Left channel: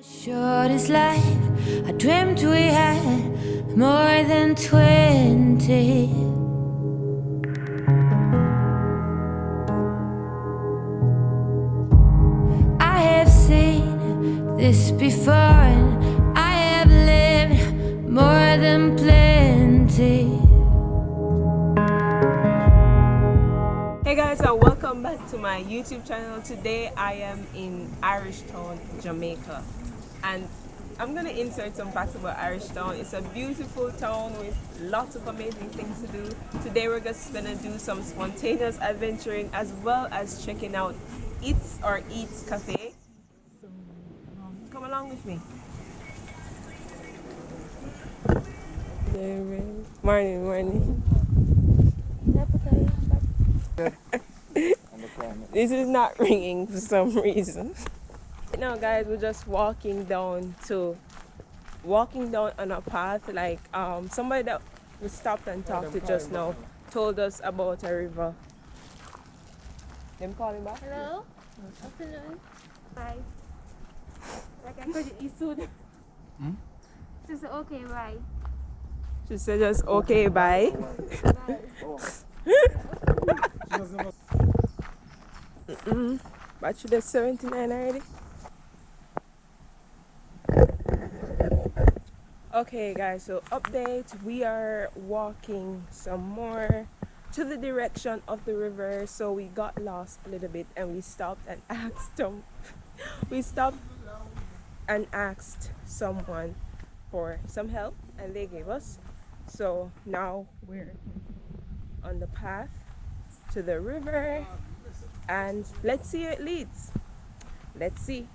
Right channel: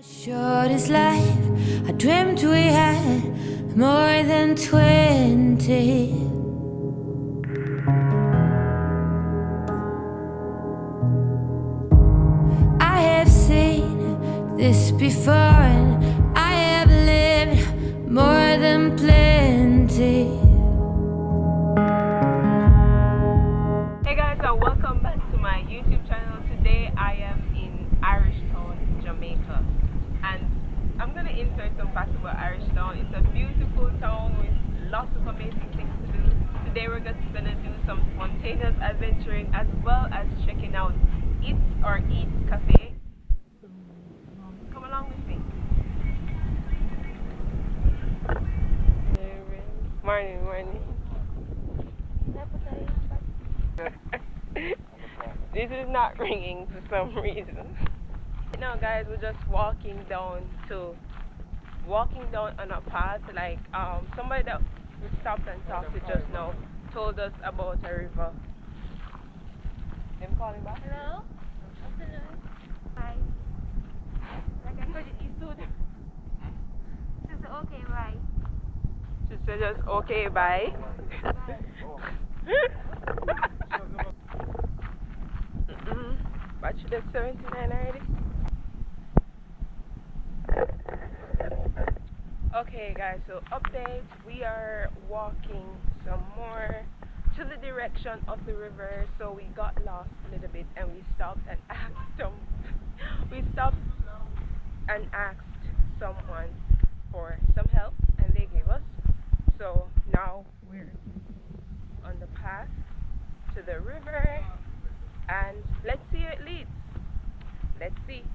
Short is life. I dreamt we had more than 20. I have seen this before, and I have lived more than plenty. Hey guys, and welcome back to my YouTube channel. Today I am in Irishtown, Jamaica, and I'm gonna insert some facts about Irishtown. It's a beautiful town with lots of amazing things to do. Today we're just gonna do some spontaneous adventuring as well as checking out EITS Cafe. Come along with me. Morning. This is not ringing for some reason. Now guys, we're just walking down on a path, like somebody that we stopped and talked to just now told us about a river. Them calling back? Hello? Afternoon. Bye. Like I said, it's soon. Just okay, bye. She said just okay, bye. Battery that's 79 already. Okay guys, so update, we are walking some more to the direction of the river, so we got lost a little bit and we stopped and asked someone for some help and they gave us. So now we're on the path to the river and let's see where it leads. Let's see.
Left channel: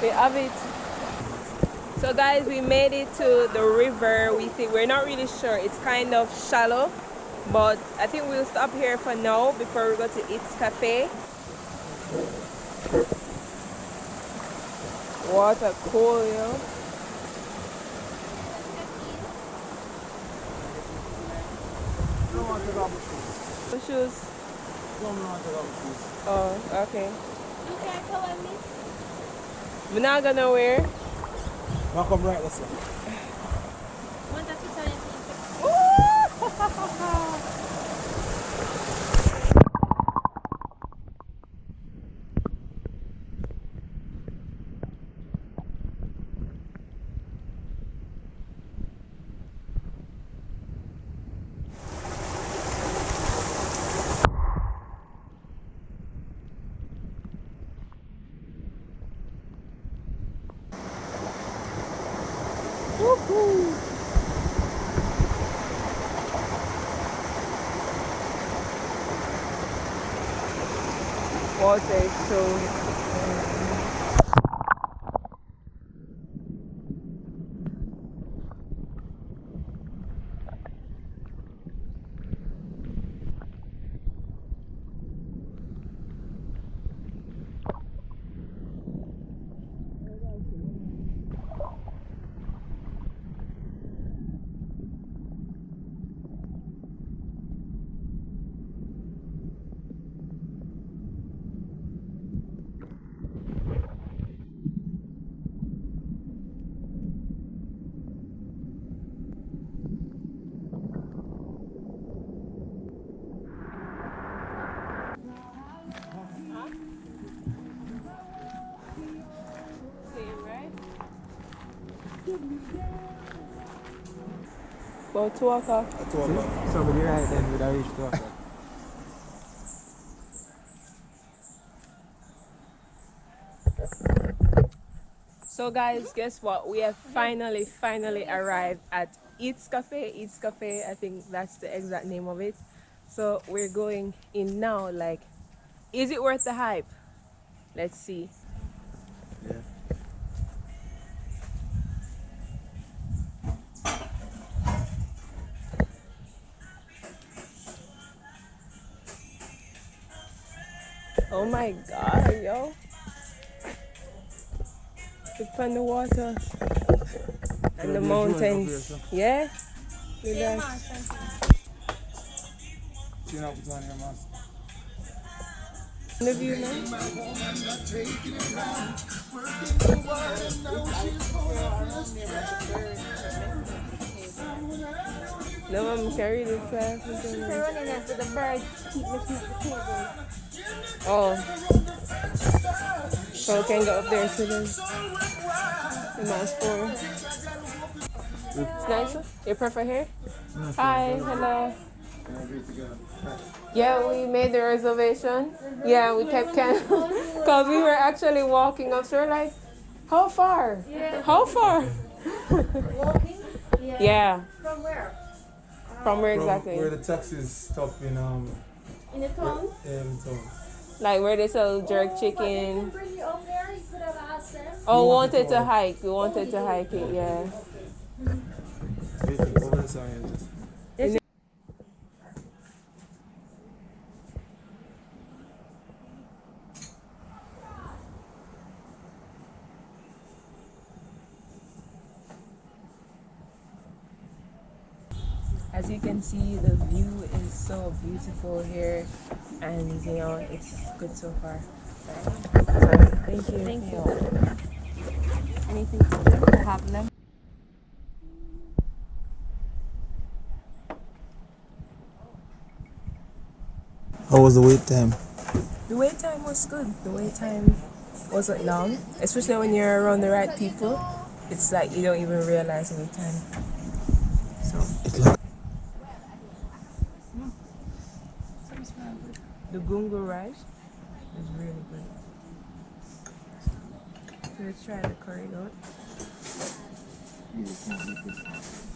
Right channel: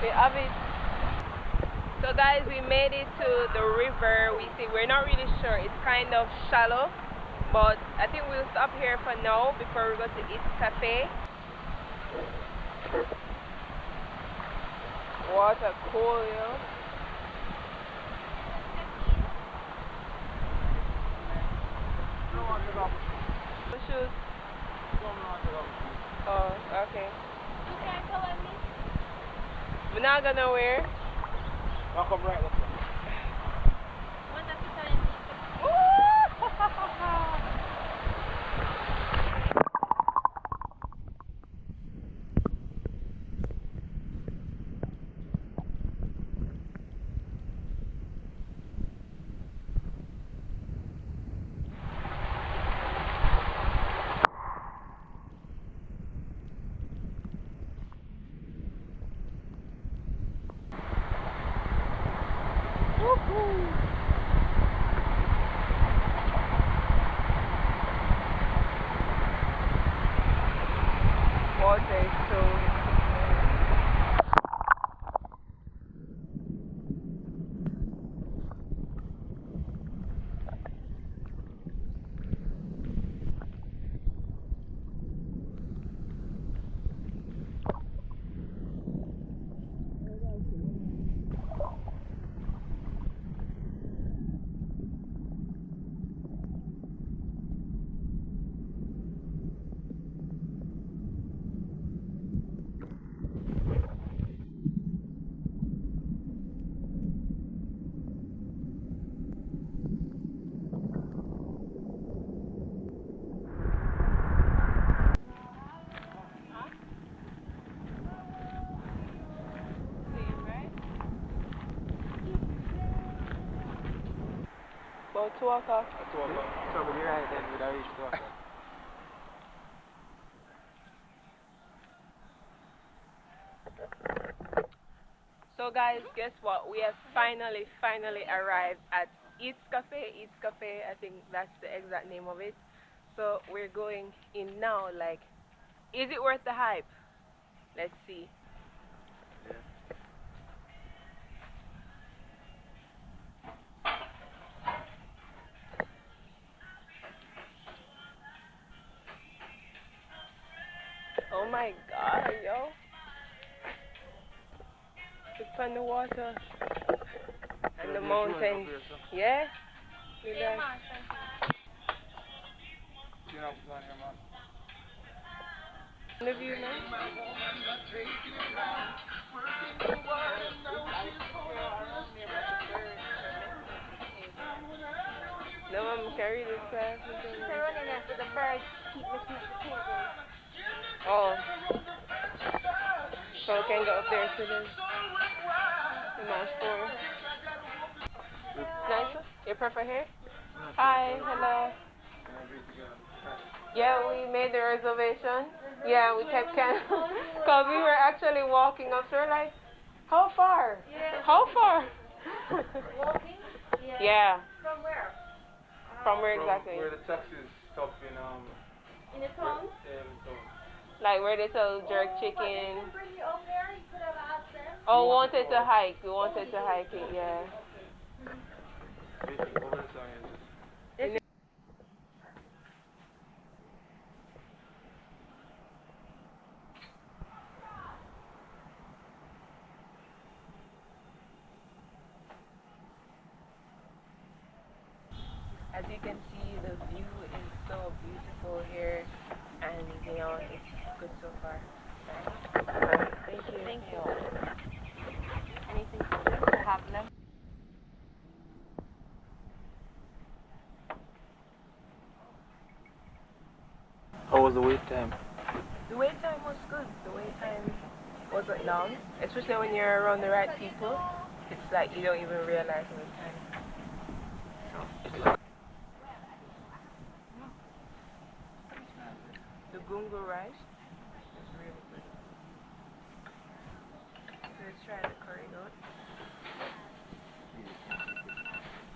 We have it. So guys, we made it to the river. We're not really sure. It's kind of shallow, but I think we'll stop here for now before we go to EITS Cafe. Water cool, you know. What shoes? Oh, okay. You can't cover me? We're not gonna wear. Now come right this way. Want that to tell you? Water is so about 2 o'clock. Somebody right then would have reached 2 o'clock. So guys, guess what? We have finally arrived at EITS Cafe. I think that's the exact name of it. So we're going in now. Like, is it worth the hype? Let's see. Yeah. Oh my god, yo. Look on the water and the mountains. Yeah? Look at that. Tune up with one of your mask. The view, man. No one carry this fast. They're running into the birds. Keep the table. Oh. So we can go up there to the mouse for. It's nice. You prefer here? Hi, hello. Yeah, we made the reservation. Yeah, we kept because we were actually walking up. So we're like, how far? Yeah. How far? Walking? Yeah. From where? From where exactly? Where the taxis stop In in the town? in town. Like where they sell jerk chicken. Bring you up there, you could have asked them. Oh, we wanted to hike. We wanted to hike it, yeah. Waiting over the sign. As you can see, the view is so beautiful here, and you know, it's good so far. Thank you. Thank you. Anything to have them? How was the wait time? The wait time was good. The wait time wasn't long, especially when you're around the right people. It's like you don't even realize wait time. So the gungo rice was really good. So let's try the curry goat.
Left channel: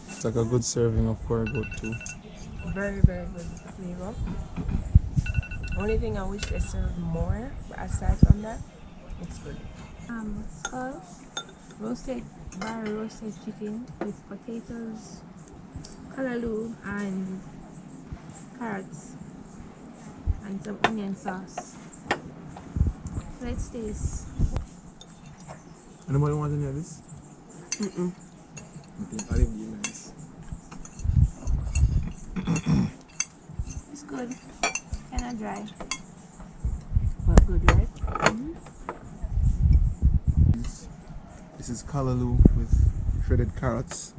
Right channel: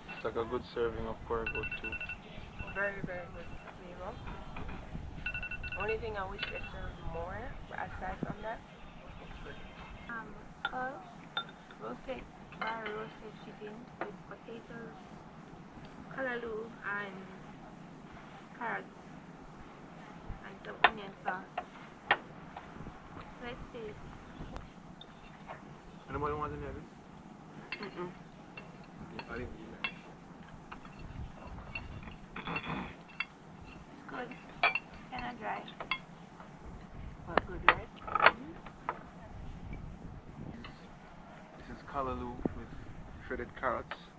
It's like a good serving of curry goat too. Very, very good flavor. Only thing I wish they served more, but aside from that, it's good. Skull, dry roasted chicken with potatoes, callaloo, and carrots, and some onion sauce. Let's taste. Anybody want any of this? Mm-mm. Okay, I'll give you this. It's good. Kind of dry. But good, right? This is callaloo with shredded carrots.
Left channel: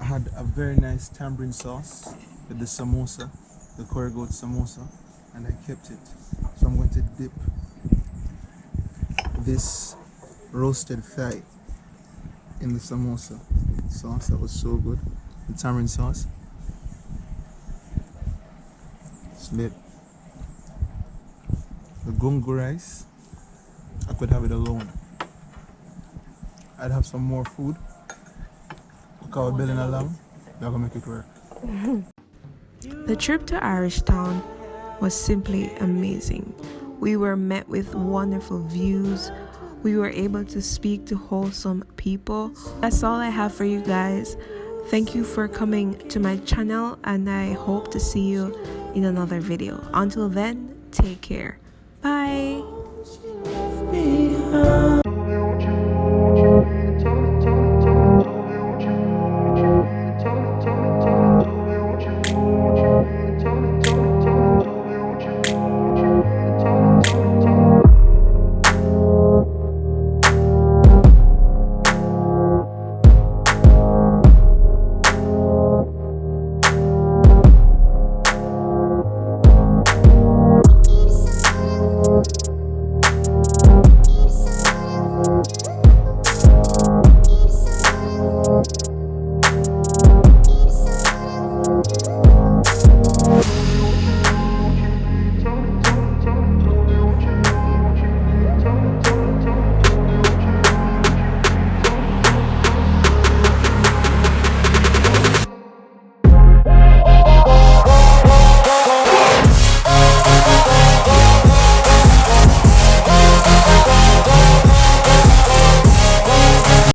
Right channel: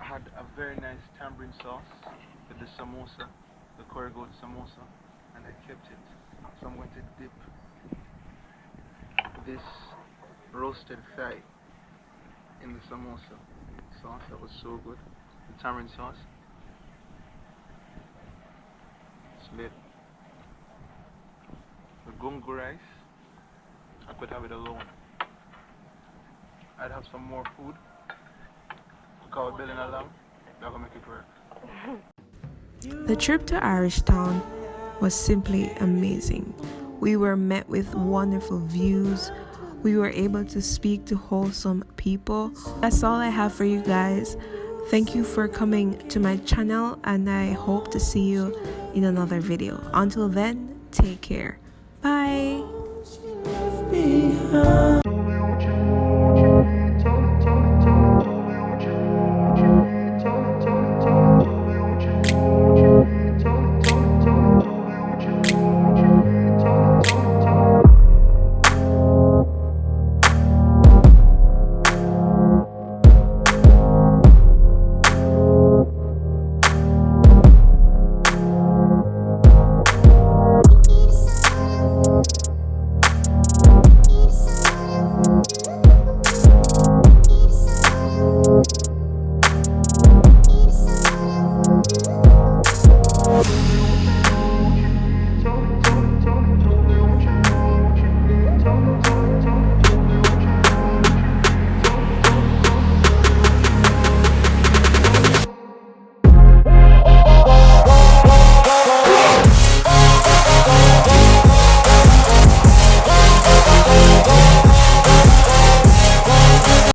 I had a very nice tamarind sauce with the samosa, the curry goat samosa, and I kept it. So I'm going to dip this roasted thigh in the samosa sauce. That was so good. The tamarind sauce. It's lit. The gungo rice, I could have it alone. I'd have some more food. Because we're building along, we're gonna make it work. The trip to Irishtown was simply amazing. We were met with wonderful views. We were able to speak to wholesome people. That's all I have for you guys. Thank you for coming to my channel, and I hope to see you in another video. Until then, take care. Bye.